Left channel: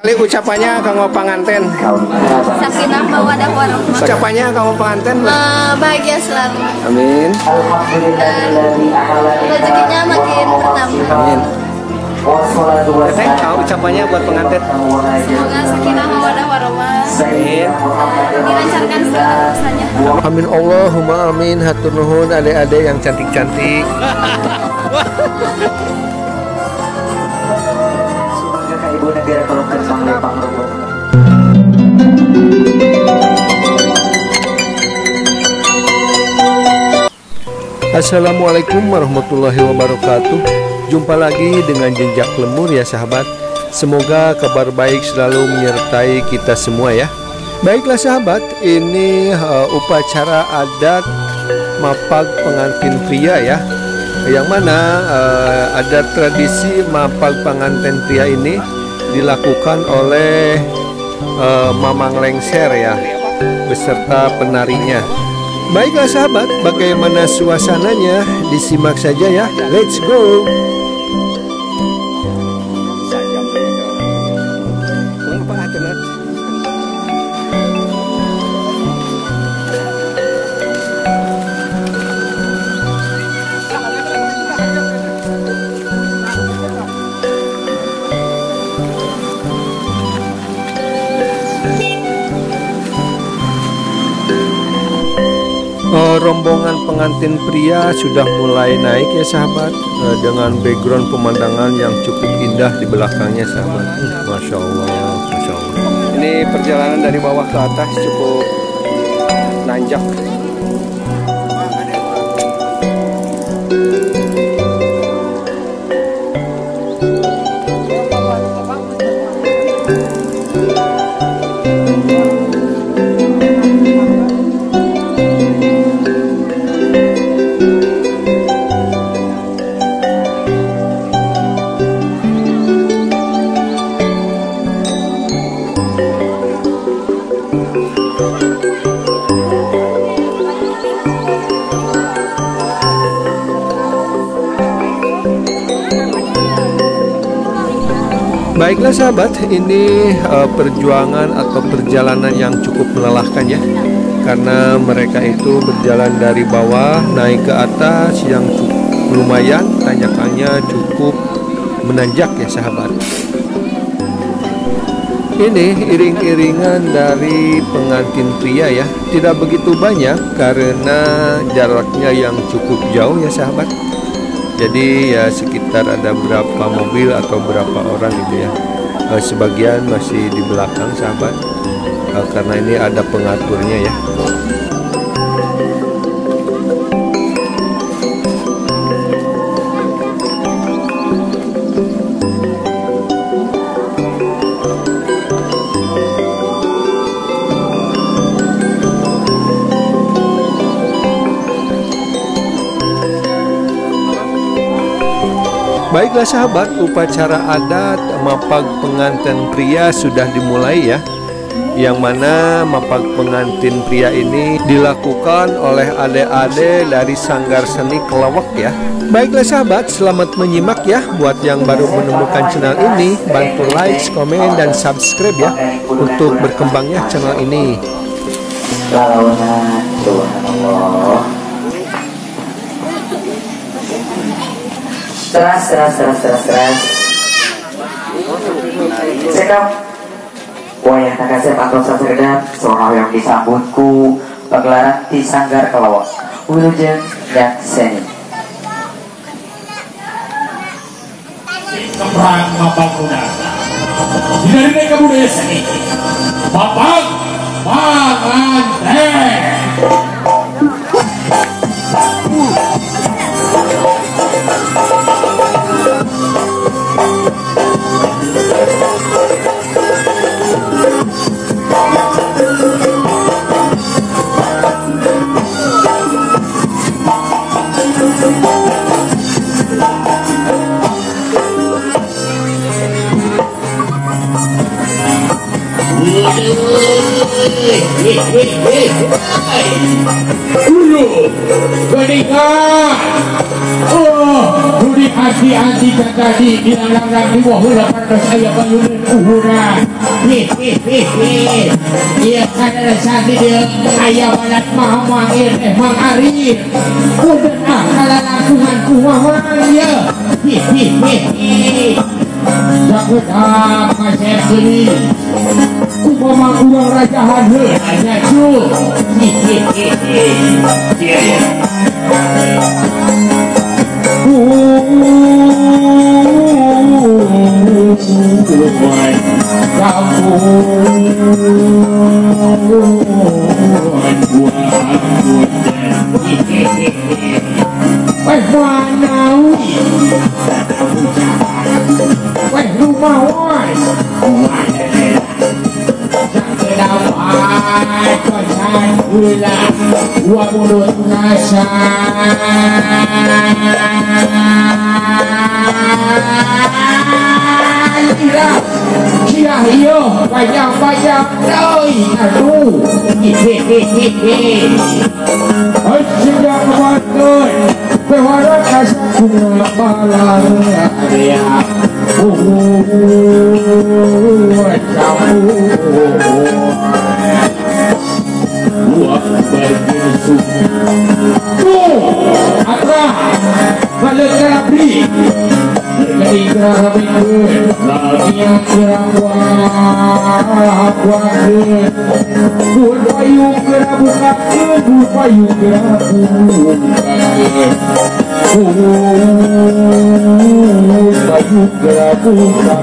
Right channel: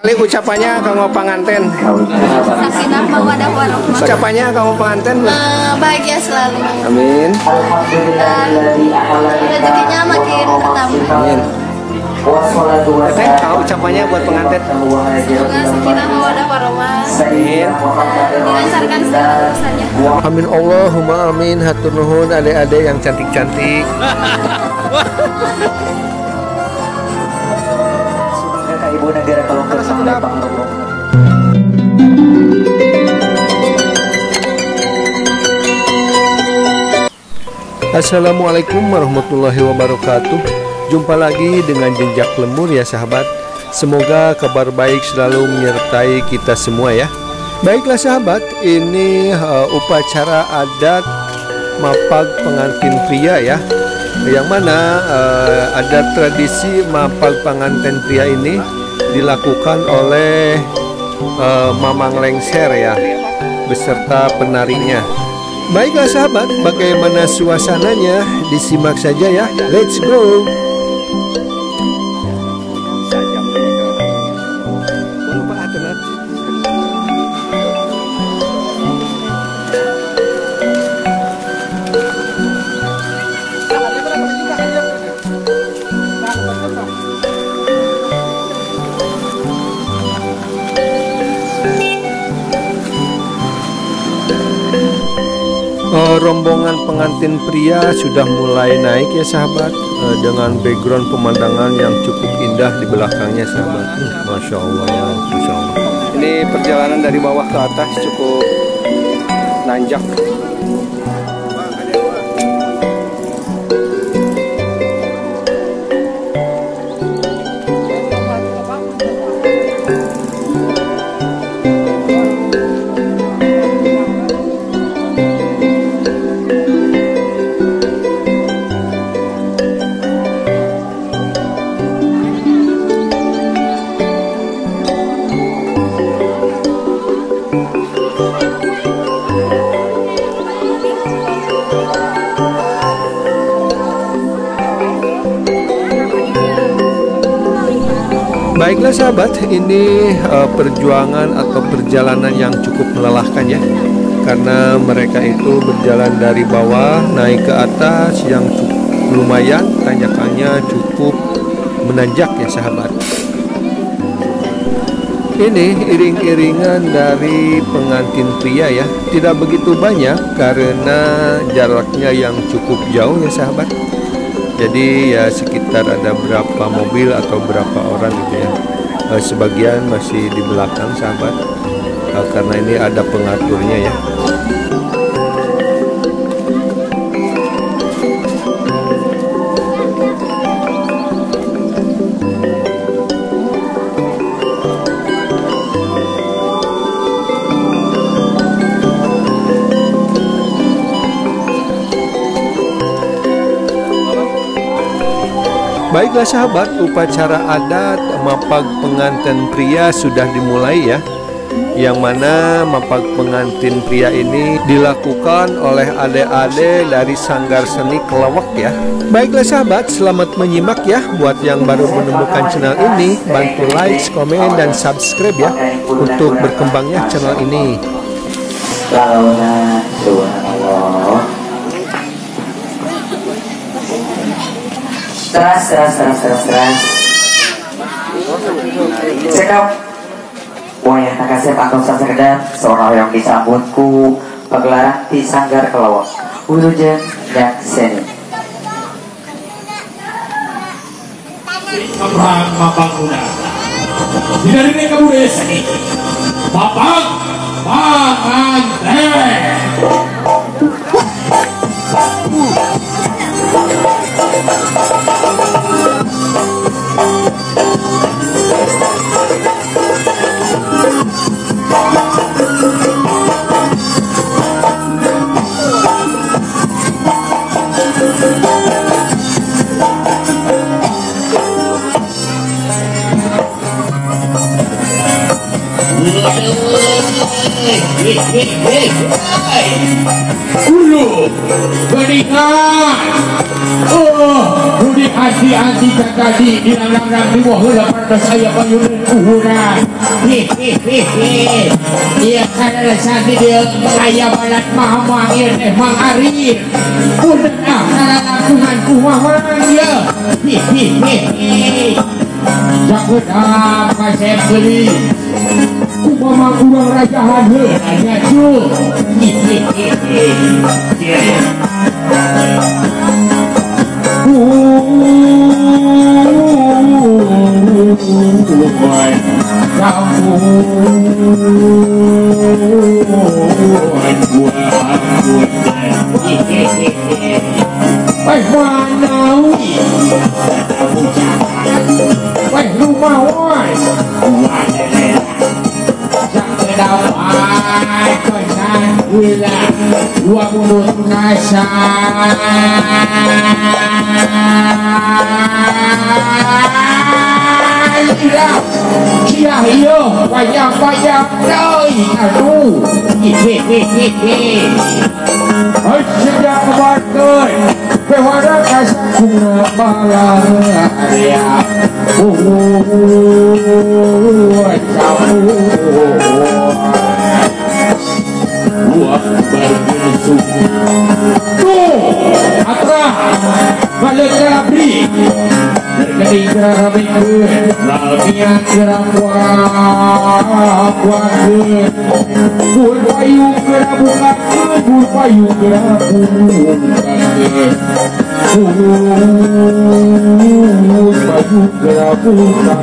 Kali ucapannya kamu pengantin. Sakinah mawaddah warahmah. Ucapannya kamu pengantin. Bahagia selalu. Amin. Dan rezekinya makin bertambah. Amin. Teteh, kamu ucapannya buat pengantin. Semoga sakinah mawaddah warahmah. Amin. Dilancarkan segala urusannya. Amin Allahumma amin. Hatur nuhun adik-adik yang cantik-cantik. Assalamualaikum warahmatullahi wabarakatuh. Jumpa lagi dengan Jejak Lemur ya sahabat. Semoga kabar baik selalu menyertai kita semua ya. Baiklah sahabat, ini upacara adat mapag pengantin pria ya. Yang mana ada tradisi mapag pengantin pria ini dilakukan oleh Mamang Lengser ya, beserta penarinya. Baiklah sahabat, bagaimana suasananya? Disimak saja ya. Let's go. Rombongan pengantin pria sudah mulai naik ya sahabat, dengan background pemandangan yang cukup indah di belakangnya sahabat. Masya Allah, Masya Allah. Ini perjalanan dari bawah ke atas cukup nanjak. Baiklah sahabat, ini perjuangan atau perjalanan yang cukup melelahkan ya. Karena mereka itu berjalan dari bawah naik ke atas yang cukup lumayan, tanjakannya cukup menanjak ya sahabat. Ini iring-iringan dari pengantin pria ya. Tidak begitu banyak karena jaraknya yang cukup jauh ya sahabat. Jadi ya sekitar ada berapa mobil atau berapa orang gitu ya. Sebagian masih di belakang sahabat, karena ini ada pengaturnya ya. Baiklah sahabat, upacara adat mapag pengantin pria sudah dimulai ya. Yang mana mapag pengantin pria ini dilakukan oleh adik-adik dari Sanggar Seni Kelawak ya. Baiklah sahabat, selamat menyimak ya. Buat yang baru menemukan channel ini, bantu like, komen, dan subscribe ya, untuk berkembangnya channel ini. Teras. Sedap. Wayah takasep atau saserdan seorang yang disambutku pagelaran di Sanggar Kelawak Wilujeng yang seni. Keperang mapang kuda. Dinari kamu seni. Mapang pengantin. Budi hati-hati terjadi di alangan di wahula pada saya payunin kurang. Iya sadar sakit dia ayah banyak mama ini mari udah lakukan kumaha ya. Jakut apa saya beli kumaha kurang rajahan aja cu. Bayang-bayang aduh sedang bakar pewara kasar bunga malaria buah bergesuk apa balik abri dari gerah minggu lagian gerah buah payung gerah buka payung gerah payung gerah buka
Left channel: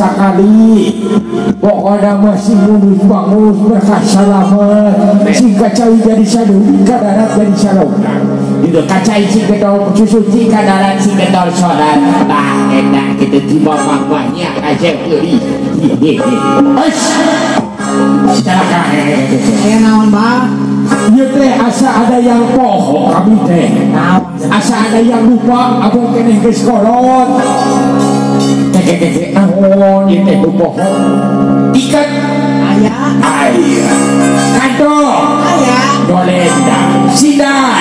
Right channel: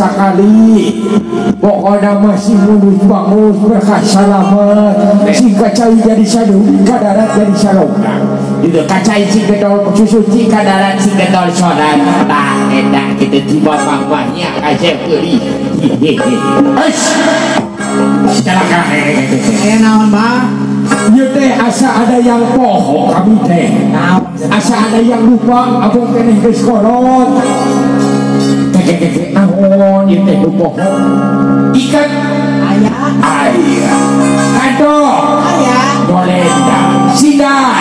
sekali pokoknya masih mulus bangus berkah selamat sehingga cai jadi sadu kadarat jadi sarona itu kacai si gedol susu si kadarat si gedol saudara nah enak kita tiba bawahnya aja beli silakan naon bang ya teh asa ada yang poho kami teh asa ada yang lupa abang teh geus kolot keke naon ieu teh bohong ikan ayah kado ayah dolenda sidar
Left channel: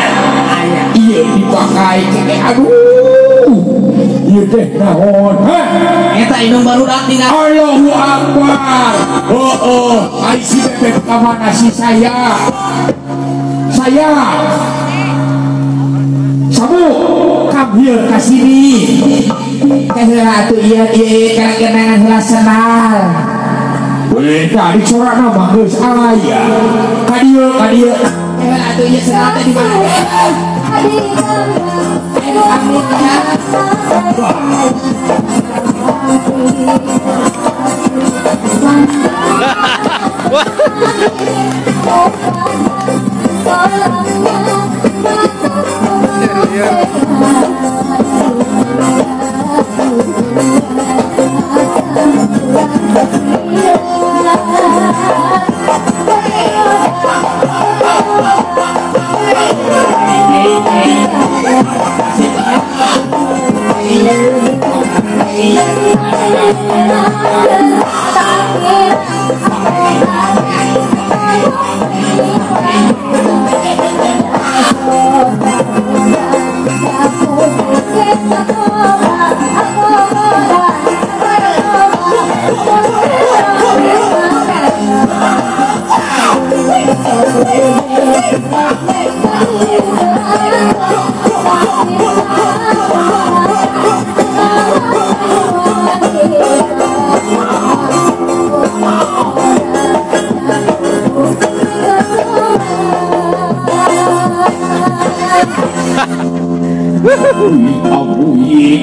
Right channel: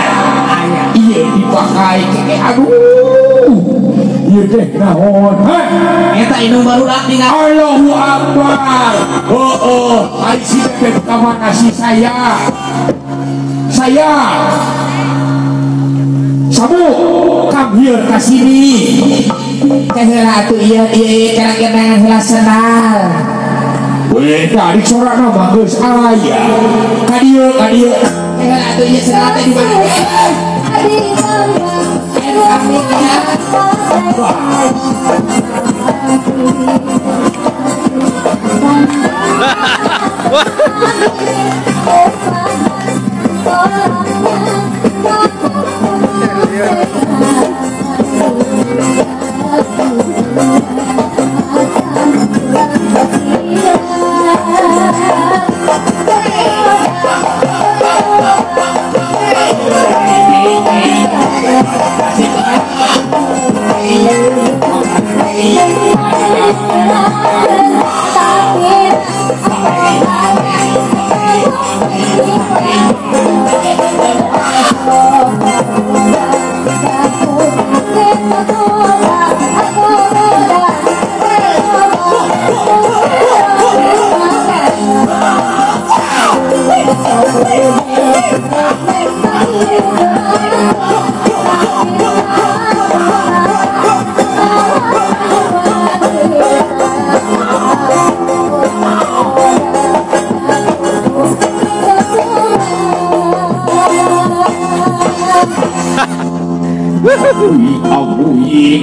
ayah ieu dipakai keke aduh ieu teh naon eta inung barudak dina Allahu Akbar oh ai si bebek ka mana si saya saya sabu kambil kasini kahira atuh ieu kana kenangan heula senal beda di corak nama geus aya kadieu kahira atuh ieu senal teh di mana kami ya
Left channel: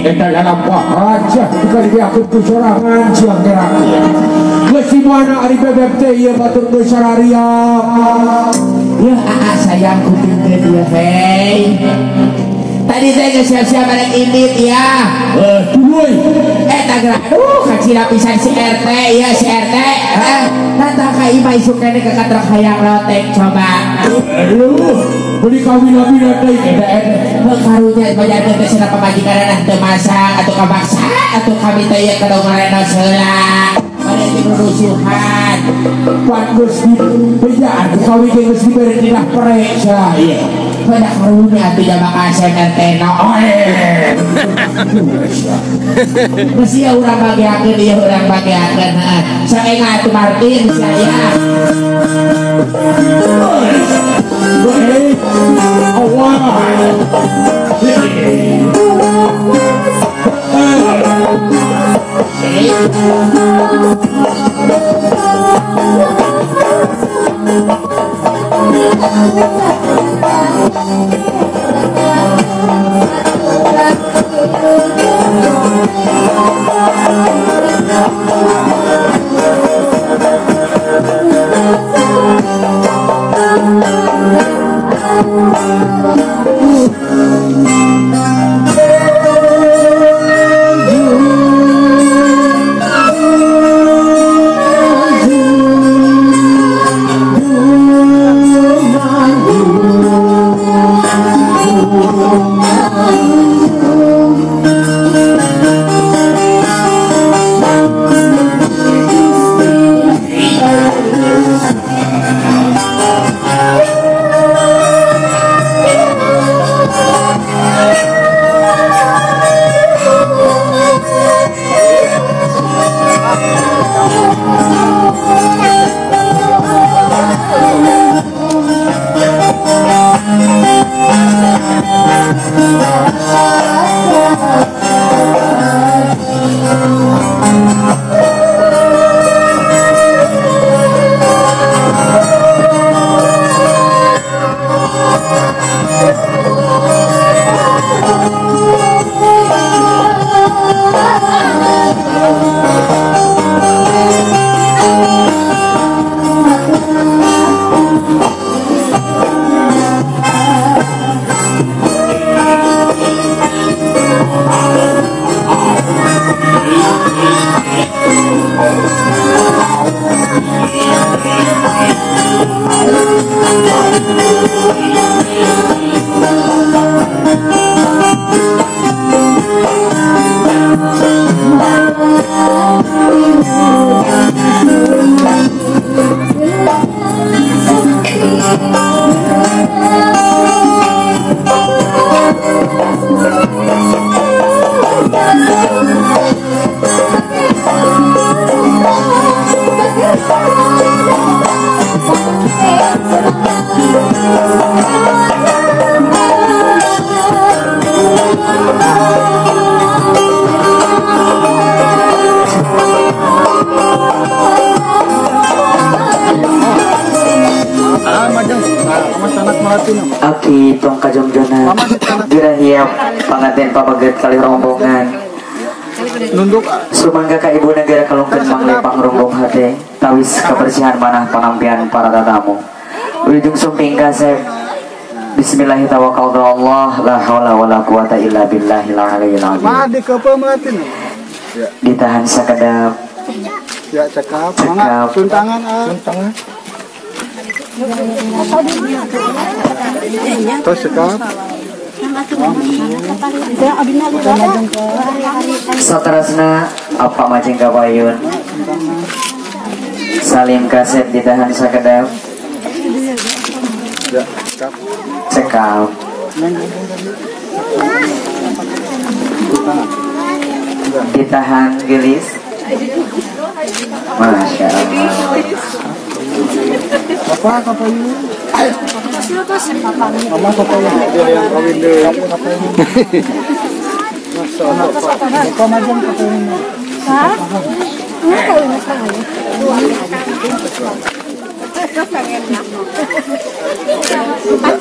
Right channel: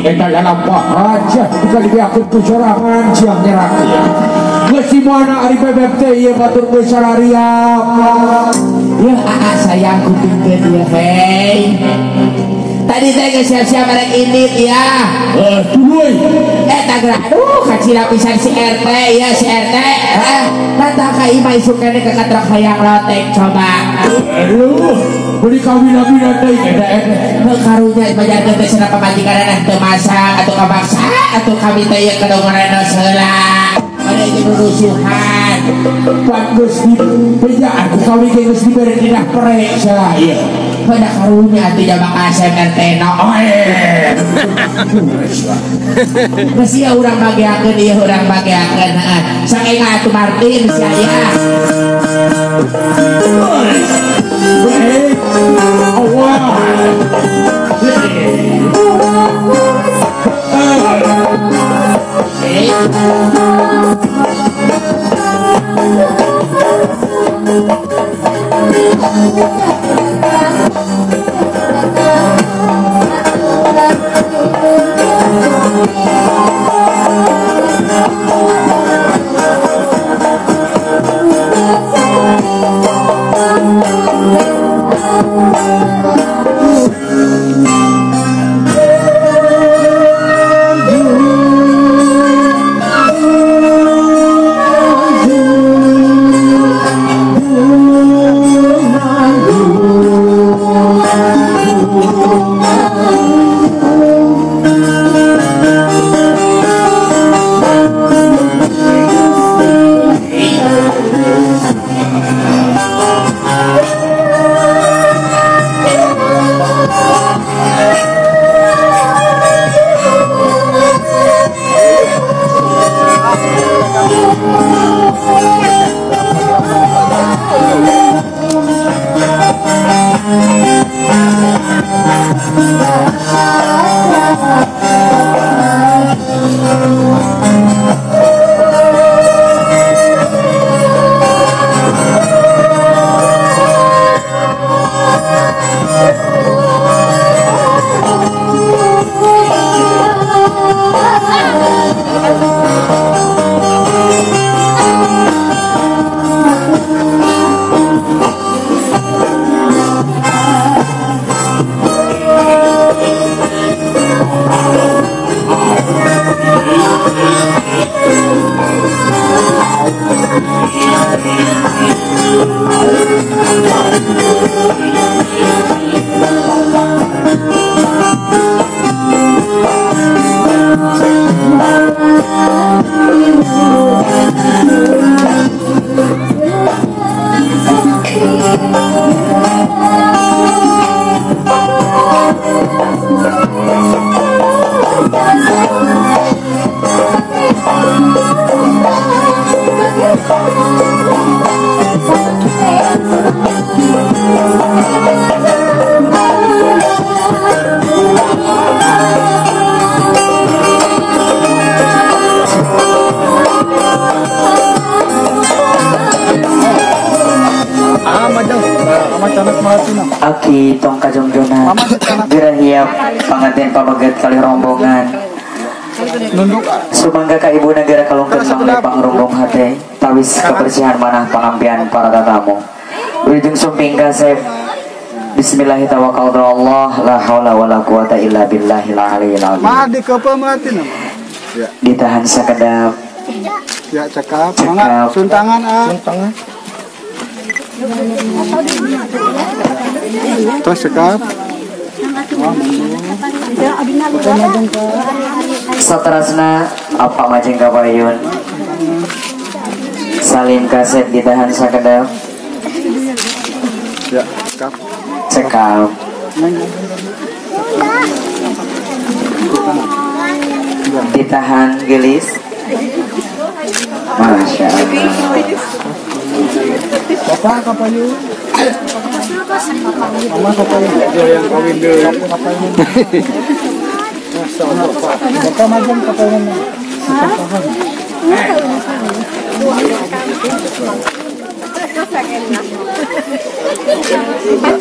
eta apa aja dikali aku tuh sorangan siang terakhir geus di mana ari bebek teh ieu batur geus sararia ya sayang kuting teh dia hei tadi saya geus siap-siap merek indit ya tuluy eta geura aduh kacila pisan si RT ya si RT tata ka ima isuk kene ke katrak hayang lotek coba aduh beli kawin-kawin teh karunya banyak teh cenah pamajikan teh masak atau kabaksa atau kami teh ye kadongorenos heula pada jadi rusuhan buat geus bejaan kawin geus dibere dina prek saya pada karunya atuh jaba SMRT no geus ieu urang bagiakeun ieu urang bagiakeun heeh saenga atuh Martin saya Allah di tong kajongjona gerahiap panganten pabaget kali rombongan sumangga ka ibu negara kalungkeun manglepang rombong hate tawis kebersihan manah pangampian para tatamu ujung sumping kasep bismillahirrahmanirrahim Allah la haula wala quwata illa billahil aliyil azim ditahan sakedap ya cekap suntangan terus cekap satrasna apa majeng kapayun salim kasep ditahan sakedap ya cekap ditahan gelis Masya Allah Bapak kapayun Mama kapayun dia yang kawin deh kapayun Bapak majeng kapayun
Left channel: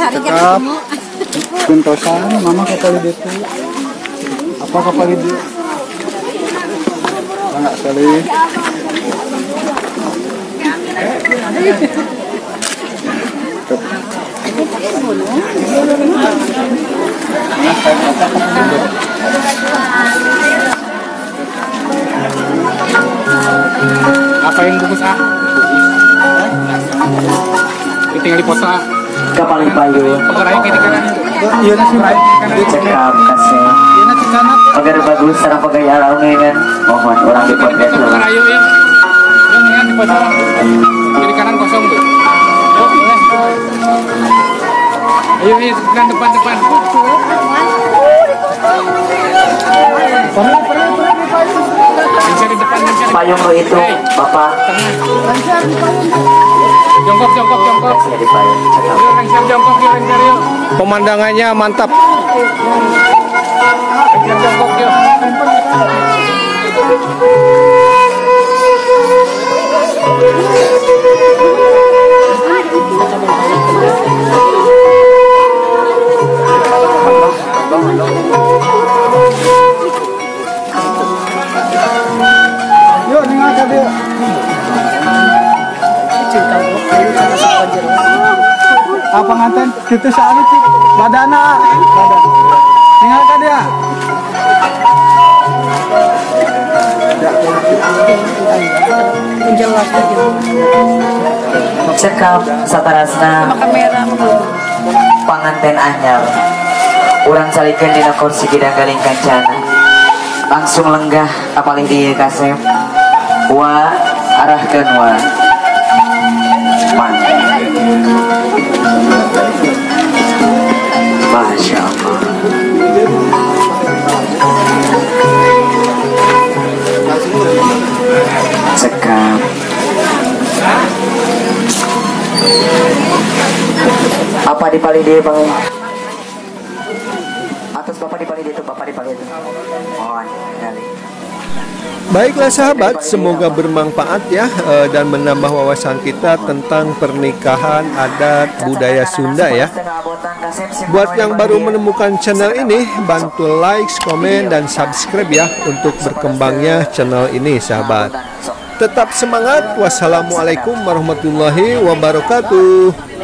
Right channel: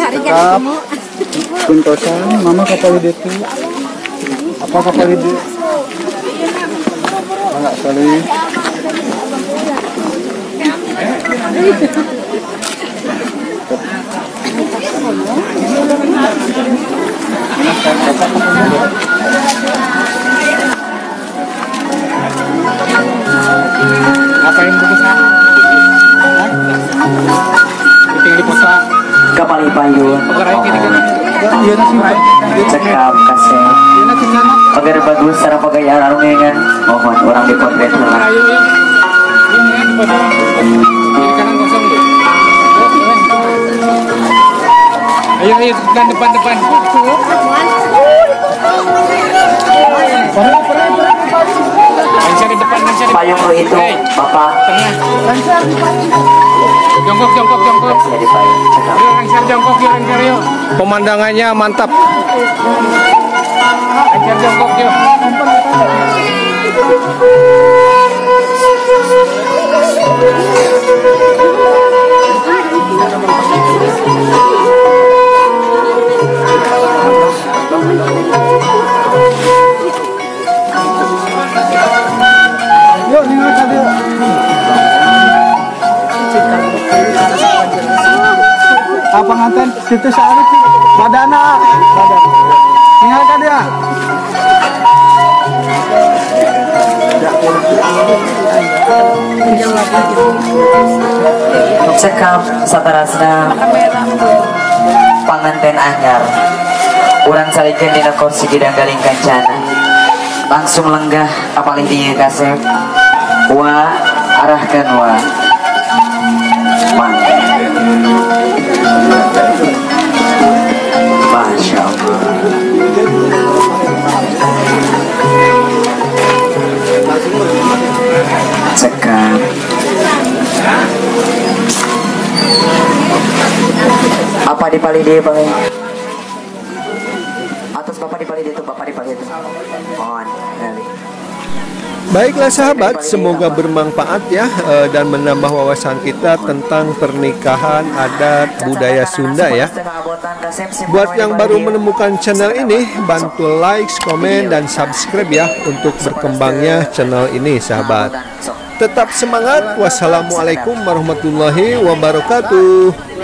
cekap pintosan mama kapayun itu apa kapayun itu enggak kali apa yang bagus tinggal dipoto kapali payung cekap kasih agar bagus cara pegayaan arungan mohon orang dipotret dulu ayo kan depan payung lu itu bapak jongkok jadi payung cekap Pemandangannya mantap. Yuk, tinggal tadi. Apa nganten situ salib badana badan. Tinggal ka dia. cekap satarasna panganten anyar urang salikeun dina kursi gidang galing kancana langsung lenggah apalih di kasep wa arahkeun wa Masya Allah cekap apa dipali dia bang atas bapak dipali dia tuh bapak dipali itu mohon kali. Baiklah sahabat, semoga bermanfaat ya dan menambah wawasan kita tentang pernikahan adat budaya Sunda ya. Buat yang baru menemukan channel ini, bantu like, komen, dan subscribe ya untuk berkembangnya channel ini sahabat. Tetap semangat. Wassalamualaikum warahmatullahi wabarakatuh.